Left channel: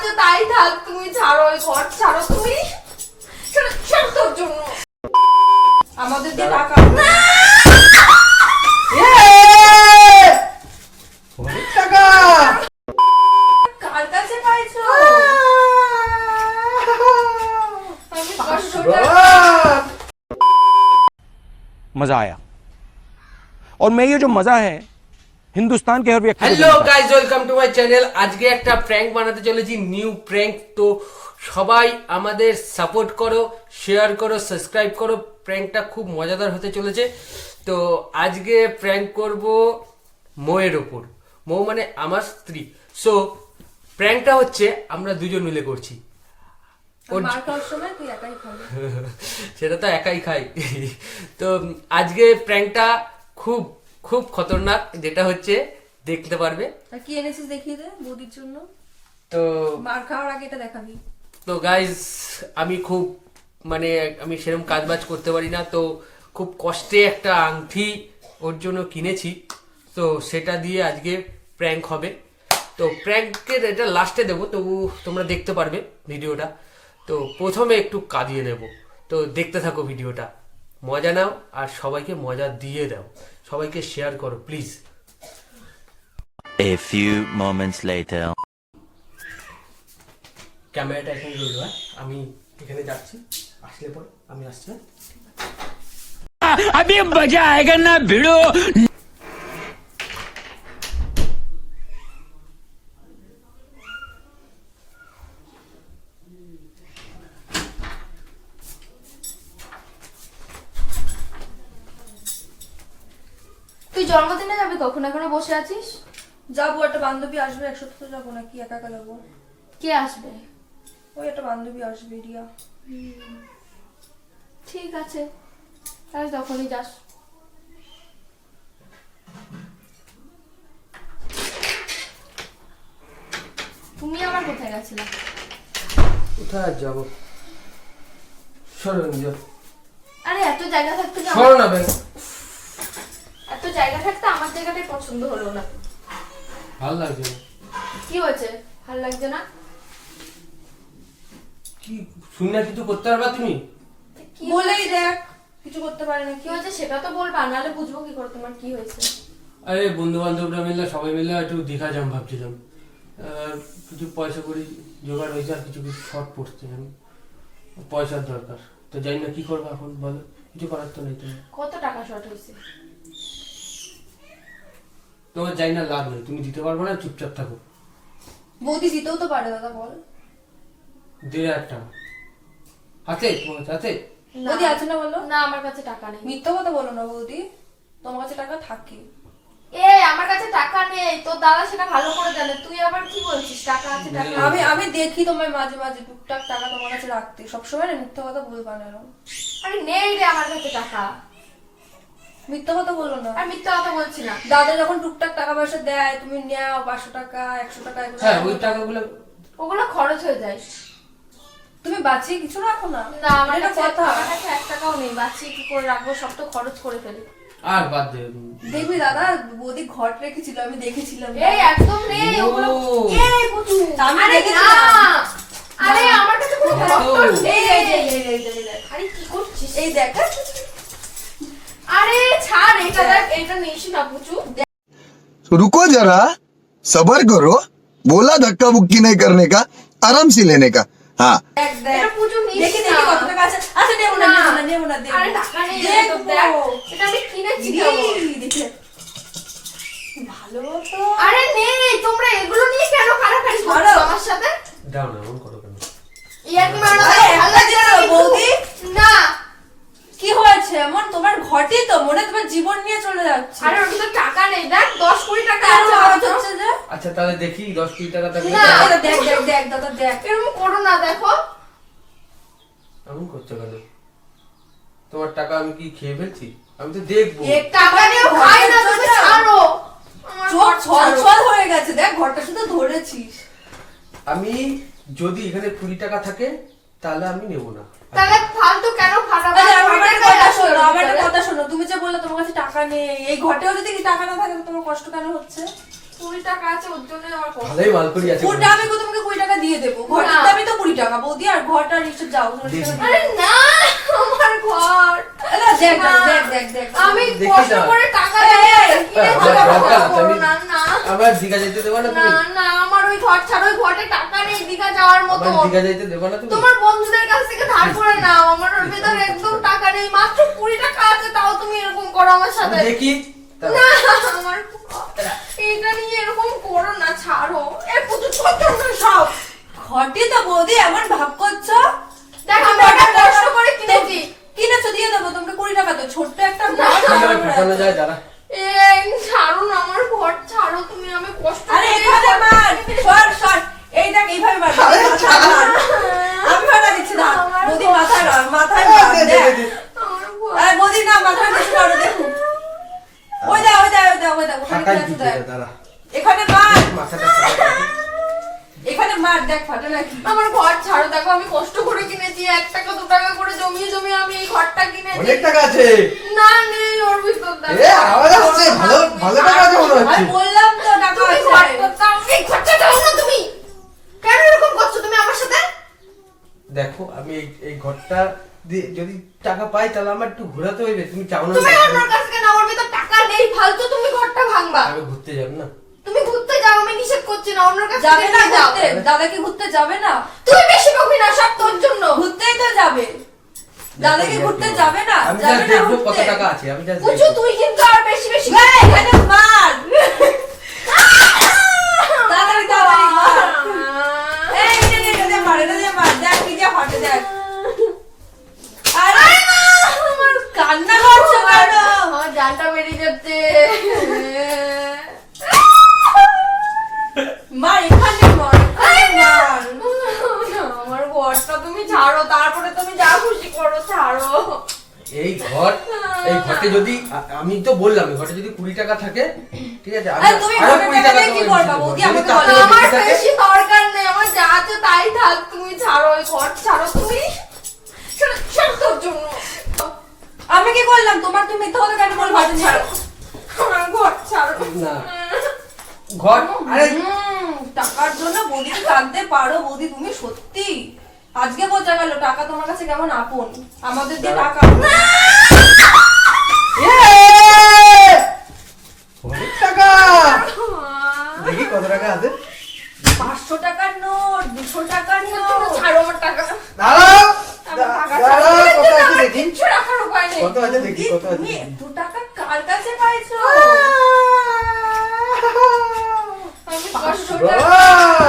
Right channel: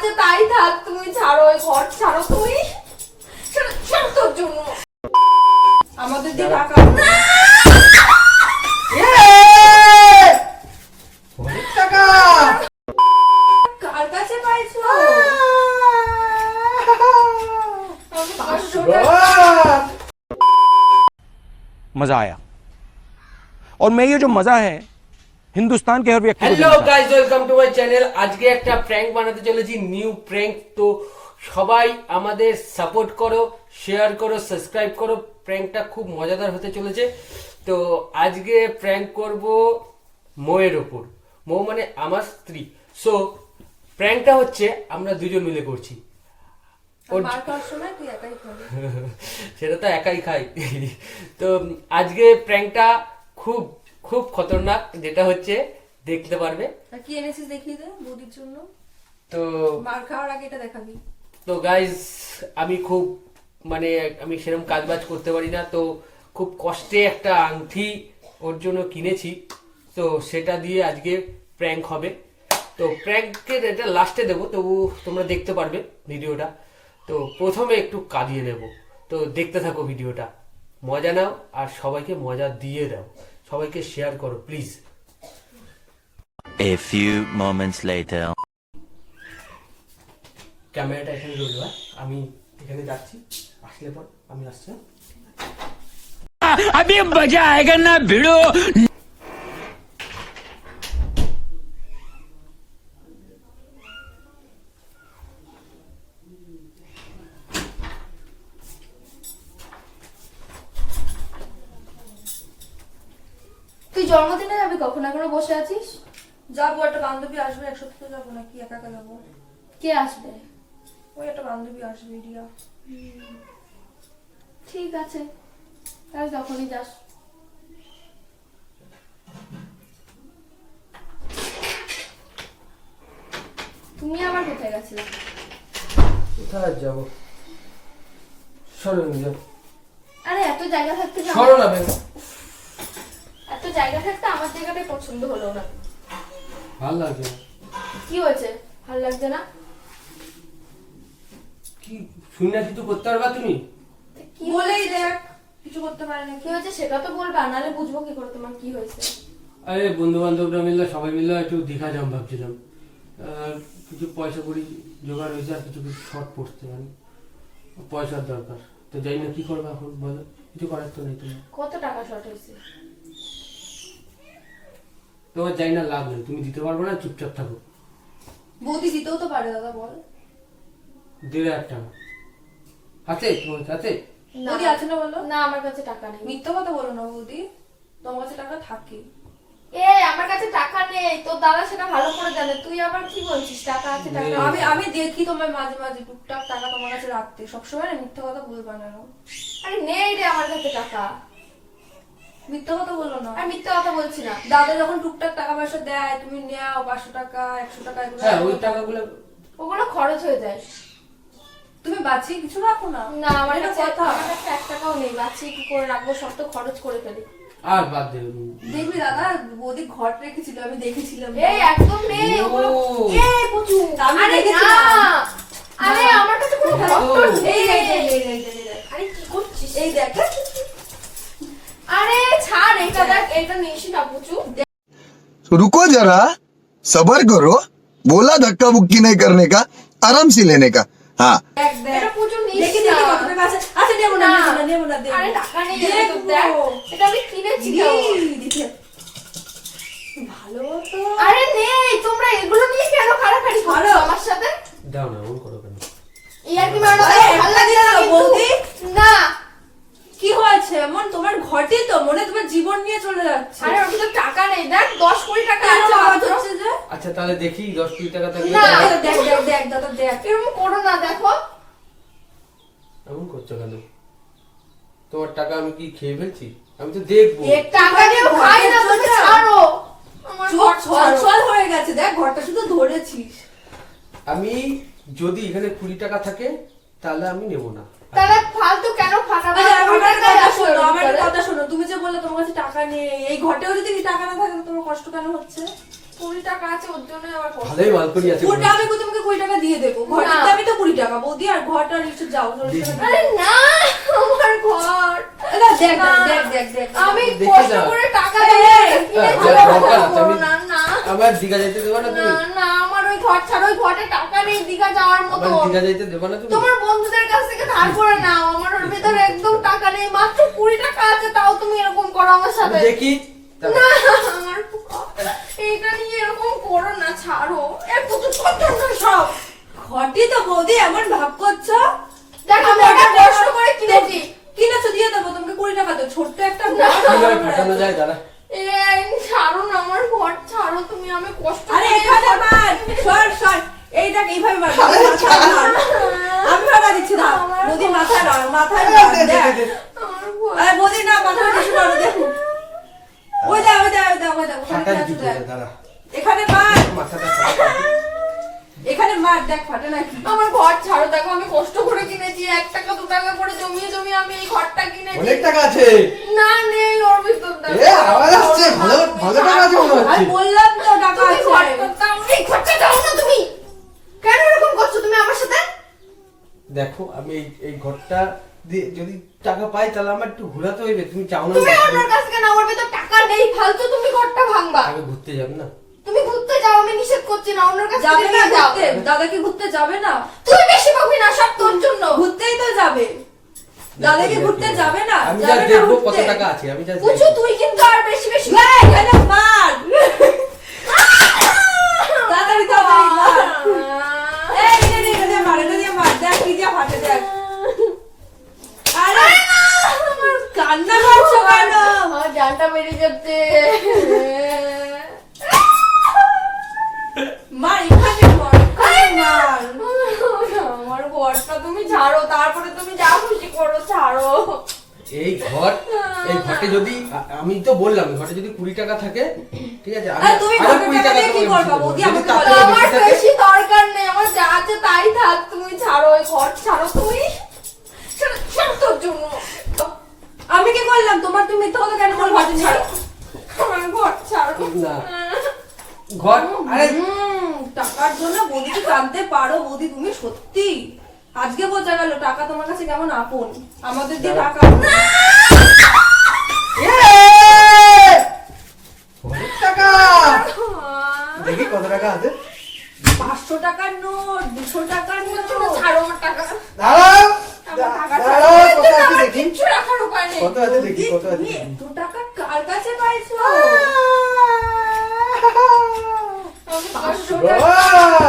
আছে তাই থাক, তুমি ছাড়ো, ওই ঘর ছাড়ো তুমি। সব তোর জন্য আমাদের যে টাকা টাকা কার কাছে পাইছো? আমি কষ্টটা मजा आया और मैं ये जो मजा है हिंदुस्तान के हर व्यक्ति को হ্যালো देना चाहता हूं। Guys, welcome to my channel. আজকে একটা প্র্যাঙ্ক বানাতে চলেছি, নিউ প্র্যাঙ্ক। তো সবাই আমাদের সাপোর্ট করো, শেয়ার করো, সাবস্ক্রাইব করো। প্র্যাঙ্কটা খুব মজাদার হতে চলেছে। তো আজকে প্র্যাঙ্ক করব মৌয়ের ওপর। মৌ মানে আমার স্ত্রী। সো প্র্যাঙ্কটা হচ্ছে আমরা দুজন মিলে করছি। মার খাওয়ার সময় তুই একাই খাবি। সেটা তো একাই খাই। তো আজকে প্র্যাঙ্কটা খুব খুব খতরনাক, যেটা হচ্ছে দেখতে পারবে। আর কি এনেছিস দেখিয়ে দে বৌদির জন্য। তো মার খাওয়ার আগে এটা দেখাবি। তো গাইজ, আমি খুব আমি সেরকম কাজবাজ করতে পারি না, তো খুব কষ্টে একটা আংটি ওর জন্য কিনেছি। তো সেটা দিয়ে আজকে প্র্যাঙ্ক হবে। তো প্র্যাঙ্কের এটা লাস্টে দেবো, তবু তোমরা দেখতে পারবে ভিডিওটা। তো প্রথমে একটু কাঁদিয়ে নেব। তো দেখতে থাকো ভিডিওটা, মজা নাও আর সবাইকে মজা দিয়ে দাও, সবাইকে শেয়ার করো please. A few moments later. ক্যামেরাটা এখানে রইল, আমি এখানে যাচ্ছি, আসলে পর আমি আসছি। अभी मजा आएगा ना भिड़ो। তুই জন্মদিনে যাবি কখন? এখনো বসে আছিস? যাবো, একটা বান্ধবী আসবে, একসাথে তো যাবো নাকি একা একা যাবো? কে আসবে? ওই একটা বান্ধবী আসবে, রিয়া। ঠিক আছে, তাহলে তখনই যাস। তুমি আবার কোথায় গেছিলে? কোথায় যাবো? সরো না, আরে এত জায়গা থাকতে কি সরো না ভাই। এত জায়গা থাকতে আমার জায়গাটাই পছন্দ হলো না। ভালো লাগছে না। কি হয়েছে? ভালো লাগছে না? কি শুনি না, কিছু করতে পারবা তুমি? কি বলেই হয়েছে? দেখ, কিছু করতে পারি না। কি হয়েছে সেটা তো বলবা, নাহলে বুঝবো কি করে তোমার কি হয়েছে। আরে বন্ধু বান্ধবরা মিলে, সবাই মিলে একটু দীঘা যাম ভাবছিলাম। কিছু পয়সা করি জোগাড় হয়েছে, আর কিছু কিছু শর্ট পড়ছে, আমি পয়সার দরকার। তো জানি না কি করবো এখন, বলো। কিছু করার তো নেই তোমার। কত টাকা শর্ট হয়েছে? তোমার জানি না, লাভ নেই, তুমি দিতে পারবো না, চুপচাপ থাকো। বৌদি দিতেও তো পারে দাদা, বল। 1,500 টাকা হাতে, তোমার হাতে? না। বৌদি আছে না বলো? না, আমার কাছে টাকা নেই। মিথ্যা কথা বলো না বৌদি, তোমার কাছে টাকা থাকে। আমার কাছে টাকা নেই, তোর দাদা সেটা ভালো করে জানে। তুই আবার কি বলছিস টাকা আছে টাকা নেই। আছে? আমি দেখি তোমার মাঝে মাঝে টুকটাক টাকা তোমার কাছে রাখতে, সবসময় না মিথ্যা কথা বলবা না। আরে নেই রে আমার কাছে টাকা। মিথ্যা কথা বলো না। আর মিথ্যা কথা বলছি না। দাদা যখন টুকটাক টাকা পয়সা দেয়, তুমি নেও 500 টাকা 100 টাকা এগুলো। হ্যাঁ, ওই টাকাগুলো ওগুলো খরচ হয়ে যায়। তুমি বাঁচিয়ে কিছু রাখো না। না, আমার এটা কাছে কথা। আমার কাছে 1 টাকাও নেই। বাচ্চি কি করে রাখবো? সব তো খরচ করে ফেলি। আর বাদ দে। দেখবি দাদা, বৌদি ঘট রেখেছিল, আমি দেখেছিলাম। একদম নেই ওগুলো। ও। পুচু, আমি আরে দেখেছিলাম। না, আরে আমার কাছে কোনো ও। খরচ নেই। এই আরে কি করছিস? এই দেখ, আরে ছাড়, এটা দেখ, এটা নিস না পুচু। रुको जरा सबर करो बोला धक्का बुक्की नहीं करने का आराम से लेने का हाँ দেখ দেখ। এটা পুচু নিস দেখি না। দেখি কত টাকা আছে। আচ্ছা নেবো না, নেবো না, নেবো না, দেখবো। আরে টাকা নেই, এটা তো দেখ, এটা আমি কিনেছি তো। দেখে। ভালো তো। আরে নেই, তোমরা এগুলো নিয়ে কেন কাড়াকাড়ি করছো ছাড়ো। আমার সাথে? দাও না, এমন করো কেন? ইয়ার কি মারো? আরে, ভালো একটা লাগছে না দিচ্ছ, কিন্তু। বৌদি? না। কি হয়েছে এমন? তোমার ঘটি তো মনে হয় তোমার জীবন নিয়ে চলে যাচ্ছে। আরে ওটা তো টাকা নেই, দেখ 10-20 টাকা কেন আছে আওয়াজ মাত্র। হচ্ছে যে? আচ্ছা তাহলে দেখি 10-20 টাকা থাকলে। না। এই তো দেখ দেখ দেখ দাদা দেখ। এরকম করো না, দেখো। এমন করছো কেন? তোমার টাকা আমি কি খেয়ে ফেলছি? আমি তো দেখবো। এ টাকা নিয়ে খাই না, তুমি ছাড়ো। আমার চোখ ঘর ছাড়ো। ছলছল হয়ে গেছে, দেখ ঘরটা শুধু ধরেছিস। আমি যদি এখানে 20 টাকা থাকে তাহলে আমি নেব না। তাহলে ফালতু কেন ফাটাবো? আচ্ছা আমার একটা টাকা কথা নষ্ট শোনো, করে আমার একটা দিতে হবে। কথা শোনো। তুমি যে বললে তোমার কাছে টাকা নেই, এই ঘটেও যদি কি টাকা না থাকে তোমার কষ্ট কেন হচ্ছে? 20 টাকা আছে, ওর জন্য আমার কষ্ট। ভালোই মাল করি আছে। কোনটা আমি তোমাকে 20 টাকা দিয়ে দিয়ে দেবো। ঘরের না। দামই তো 20 টাকা বৌদি, আর ঘরটা নিচে যাও। আরে না, আমার ঘর না, দেখ না। দেখ দেখ দেখ আমি দেখে কষ্ট যা। করে টাকা এই, দিয়ে এই, কিনে এই, ভালো দরকার কথা আছে, আমি- বলো না, না। আবার দীঘা যাইতে দেবা না না তুমি? না, আমার ওই ঘর ছাড়া ওই ঘরে টাকা নেই দীঘা যাওয়ার মতো। আবার দীঘা যাইতে দেবা না তুমি? তোমার বন্ধুদের কাছ থেকে ধার করে নাও, আমার ওর ভিতরে একদম টাকা নেই, মাত্র 20 টাকা আছে, তাও তুমি এরকম করো আমার আমি সাথে। দেখি। না, আমার এটা নিয়ে এরকম করো না, ছাড়ো। এর প্রচুর কথা না সব। ঘরটি তো বৌদি এমন ভাব করছো। দেখো, আমি ওটা একটা কষ্ট করে কিনেছি। কিনেছো, দিয়ে দেবো তোমাকে 20 টাকা, তো ছোট্ট একটা না। ঘর। কিভাবে ফাটানো যায় দাঁড়া। এই ছাড়ো না, আমার ঘর ছাড়ো তুমি, আমি কষ্ট আরে করে এখানে ঘর- মার, সর সর, এই দেখ এইভাবে মার, মাথায় মার। আমি মারা দিচ্ছি না আমার বৌদি, ঘর- মাথায় মার, মাথায় মার, দেখ। আমার ঘর- আরে বৌদি না, মাথায় কিছু করো, দেখো। ওই দেখ, ওই দেখ, ওই দেখ, ওই দেখ, ওখানে ফাটাই কি আছে দিতে দেখ। দাঁড়া। এখানে মার, মাথাটা ফাটাই। এখানে মার, দেখ ফাটে নাকি। আমার ঘর ছাড়ো, দেখো আমি কষ্ট করে কিনেছি, 1 টাকা 2 টাকা করে জমিয়ে জমিয়ে আমি এই ঘরটা কিনেছি। অনেক টাকা আছে। না, নেই ওর ভিতর দেখো। এ আওয়াজ আসছে, ভালো ভালো টাকা আছে মনে আমি হচ্ছে। বললাম তো টাকা তুমি আছে। ঘরটা দাও, এই ঘরটা দাও না তুমি। কেন এরকম করছো তুমি আমার সাথে? দেখো আমি এই ঘরটা দিয়ে যদি টাকা পাই তাহলে আমার একটু ঘোরাতে হইবে। তুমি চাও না? তুমি অন্যর কাছ থেকে না, ওর ভিতর টাকা নেই, ফালতু তুমি ঘরটা ভাঙবা। আমি ঘুরতে যাব না। তুমি ঘুরতে যাও, আমি নিষেধ করছি না, অন্যর কাছ যাবে থেকে না নিয়ে যাও। ঘুরতে, দাদা কি ঘুরতে যাবে না? তুই বেশি বকবি না, সব তোর জন্য। ঘুরতেই তো যাবে। দাদা কি ঘুরতে যাবে না? আমি যাবে যা না দেখবো কত ঘুরতে? টাকা আছে, আমি যা বুঝু, তুই কিন্তু আর বেশি বেশি এই, এখানে মার। তাড়াতাড়ি তাড়াতাড়ি মার। এই, এটা দিয়ে মার, এটা দিয়ে মার, দেখ কি দিয়ে ফাটে, দেখ। আরে আমার কান্না করছো কেন? আমার জানটা বেরিয়ে যাচ্ছে। মার, এখানে মার, এখানে মার। আমার ঘরটা তুমি ছাড়ো, তারপরে তুমি যা খুশি করো, ছাড়ো। এই ঘরটা যদি আমি তো বললাম এই ঘরটা যদি 20 টাকা থাকে, ঠিক আছে, আমি আরে তুমি আরো ঘরের 20 টাকা টাকা দিয়ে কি তোমাকে করবা বেশি বৌদি? দেবো। যদি আমাকে তার বলো। থেকে আমার বেশি থাকে, বেশি দরকার নেই, আমার যা আছে তাই থাক, তুমি ছাড়ো, ওই ঘর ছাড়ো তুমি। সব তোর জন্য। আমি কি করলাম? তোমার তুমি মিথ্যা কথা কেন বলবো? তুমি ছাড়ো। আমার ঘর ছাড়ো না ঘর আরে টাকার জন্য বৌদি কি কাঁদতে পারো বৌদি? তুমি সত্যি আজকে বোঝা গেল টাকা তোমার কাছে কেমন আপন। আমাদের দিয়ে টাকা অনেক টাকা। দেখি কত টাকা আছে। 500 টাকার নোট, 200 টাকার তুমি নোট। ছাড়ো আমার টাকা। দাঁড়াও, আমার টাকা দাঁড়াও, ছাড়ো। কত আছে দেখি। কিচ্ছু রাখার উপায় নেই। কত আছে দেখি, কত আছে তুমি দেখি। এত টাকা কার কাছে পাইছো? আমি কষ্ট করে বাহ!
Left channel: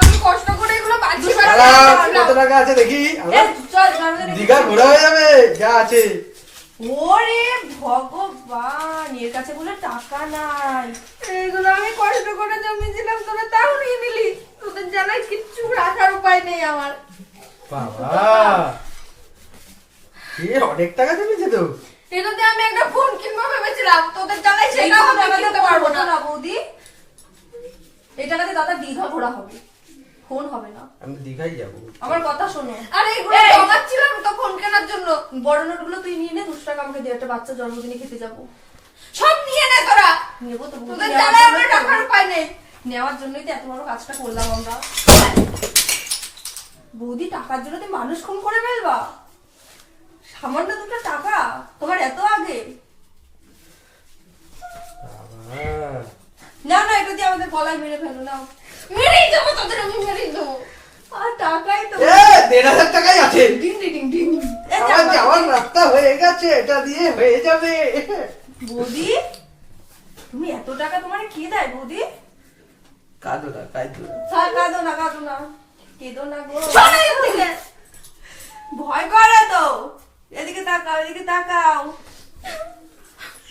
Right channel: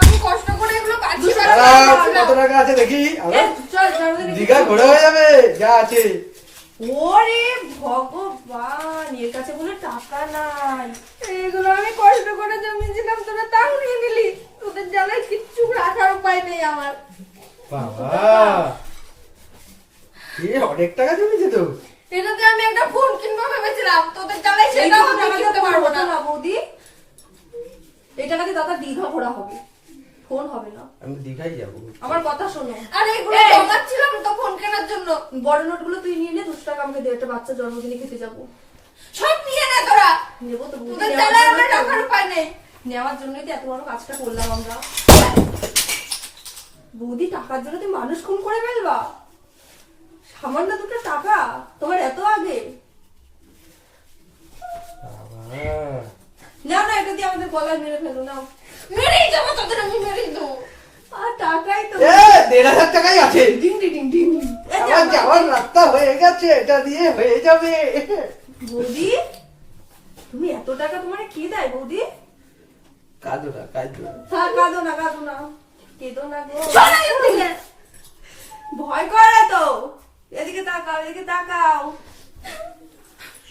আমি কষ্ট করে এগুলো পাচ্ছি দাঁড়াও, কত টাকা আছে দেখি। আরে, চল চল দেখি। দীঘা ঘোরা হয়ে যাবে যা আছে। ওরে ভগবান, এর কাছে বলে টাকা নাই। এইগুলো আমি কষ্ট করে জমিয়েছিলাম, তোরা তাও নিয়ে নিলি। তোদের জানাই কিচ্ছু রাখার উপায় নেই আমার। বাবা, এ অনেক টাকা জমেছে তো। এটাতে আমি একটা ফোন কিনবো ভেবেছিলাম, তোদের জানাই সেটাও আমি কিনতে পারবো না। বৌদি, এই টাকাতে দাদা দীঘা ঘোরা হবে, ফোন হবে না। আমি দীঘাই যাবো। আমার কথা শোনো। আরে এগুলো এই! জমাচ্ছিলাম তো ফোন কেনার জন্য। বড় নোটগুলো তুই নিয়ে নে, 200 টাকা আমাকে দে, একটা বাচ্চা জন্মদিনে খেতে যাবো। সব নিয়ে নে তোরা। নেবো তো বৌদি, তোদের নেওয়ার জানাই জন্যই আমার তো- রাখার উপায় নেই। নেওয়ার জন্যই তো এত বড় কাজটা করলাম আমরা। বৌদি, টাকার জন্য তুমি মানুষ খুন করে ফেলবা? সামান্য 2টা টাকা তোমার এত আগে? না না, এটা দিয়ে আমাদের গলায় মেরে ফেলো না। মেরেই দেবো তোদের, আমি মেরেই দেবো। আর টাকাই তো এ 1,500 টাকাই আছে। Ding ding ding ding. এই আমার যাওয়ার রাস্তা হয়ে গেছে, এটা দিয়ে হয়ে যাবে। বৌদি, তুমি এত টাকা তোমার কে দেয় বৌদি? কাঁদো না, কাঁদো না। কাঁদো না, কাঁদো না, কেঁদো না গো। শোনো এর থেকে। ভয় করে তো। এদিকে তাকাও, এদিকে তাকাও।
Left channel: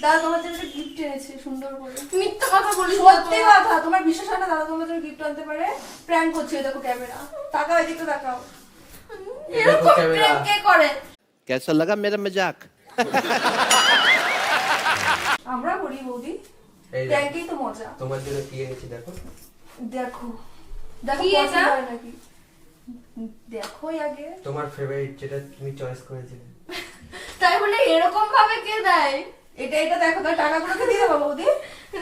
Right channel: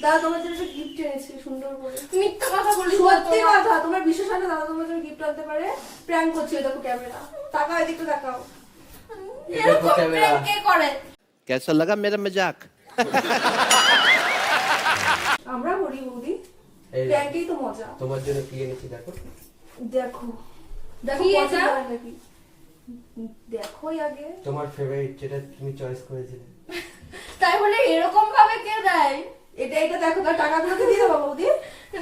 দাদা তোমার জন্য গিফট এনেছে সুন্দর করে। মিথ্যা কথা বলিস না সত্যি তোরা। কথা, তোমার বিশ্বাস হয় না দাদা তোমার জন্য গিফট আনতে পারে? প্র্যাঙ্ক করছে, দেখো ক্যামেরা। তাকাও, এদিকে তাকাও। এরকম ক্যামেরা। prank কে করে? कैसा लगा मेरा मजाक? আমরা করি বৌদি, এই প্র্যাঙ্কেই তো মজা। তোমার জন্য কি এনেছি দেখো। দেখো দেখো কি পছন্দ এটা? হয় নাকি? দেখো আগে। তোমার ফেভারিট যেটা তুমি চয়েস করেছিলে। তাই বলে এরকম ভাবে কে দেয়? এটা দেখো তো, টাকাগুলোকে দিয়ে দেবো বৌদি।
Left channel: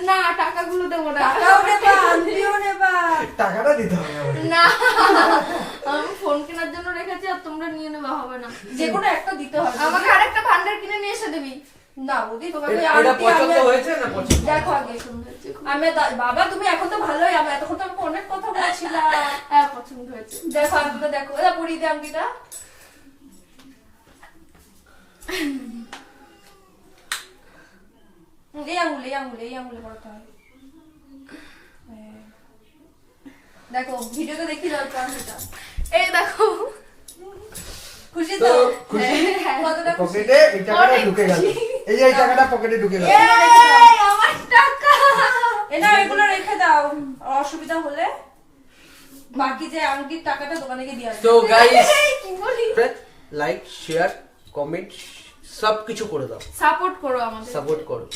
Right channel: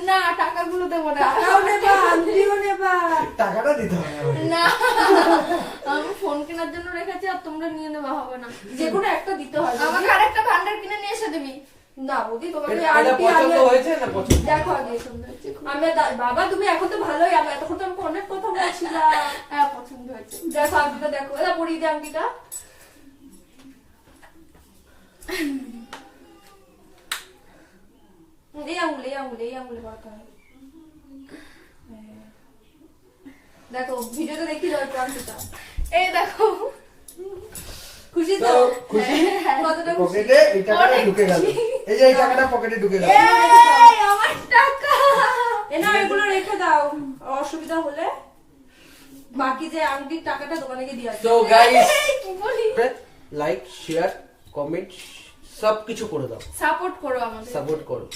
না টাকাগুলো দেবো না। টাকাও নেবা, আংটিও নেবা। টাকাটা দিতে হবে আমাকে। না আমি ফোন কেনার জন্য রেখেছি, আর তোমরা নিয়ে নেবা হবে না। যে কোনো একটা দিতে হবে। আমাকে আরেকটা ভান্ডার কিনে নিয়ে এসে দিবি। না বৌদি, তোমাকে আমি এটা আংটি, পছন্দ আমি- হয়েছে না পছন্দ? দেখো আগে বাবা, তুমি এখন তো ভালোই, আমি এতক্ষণ তো আমি অনেক কথা বলছিলাম। হ্যাঁ পছন্দ হয়েছে। দেখো আংটিটা দেখো, এটা পরিয়ে দে আংটিটা। এই আঙুলে পড়াতে হবে। দেখো ভিডিওতে দেখি যাও আংটিটা। এই দেখো। খুশি তো তো? খুশি? কতটা খুশি? পকেটে এই টাকাটা ঢুকে গেল। এই যে এই টাকাটা পকেটে ঢুকে গেল। এই আমার টাকা। না এগুলো রেখে দাও, অসুবিধা হলে বাকি যে আংটির টাকাটা দোকানে গিয়ে দিয়ে আসবে। তো গাইস, কি বলি? লাইক শেয়ার কমেন্ট সব কিছু করে দাও, সাপোর্ট করো আমাদের। সাপোর্ট করো।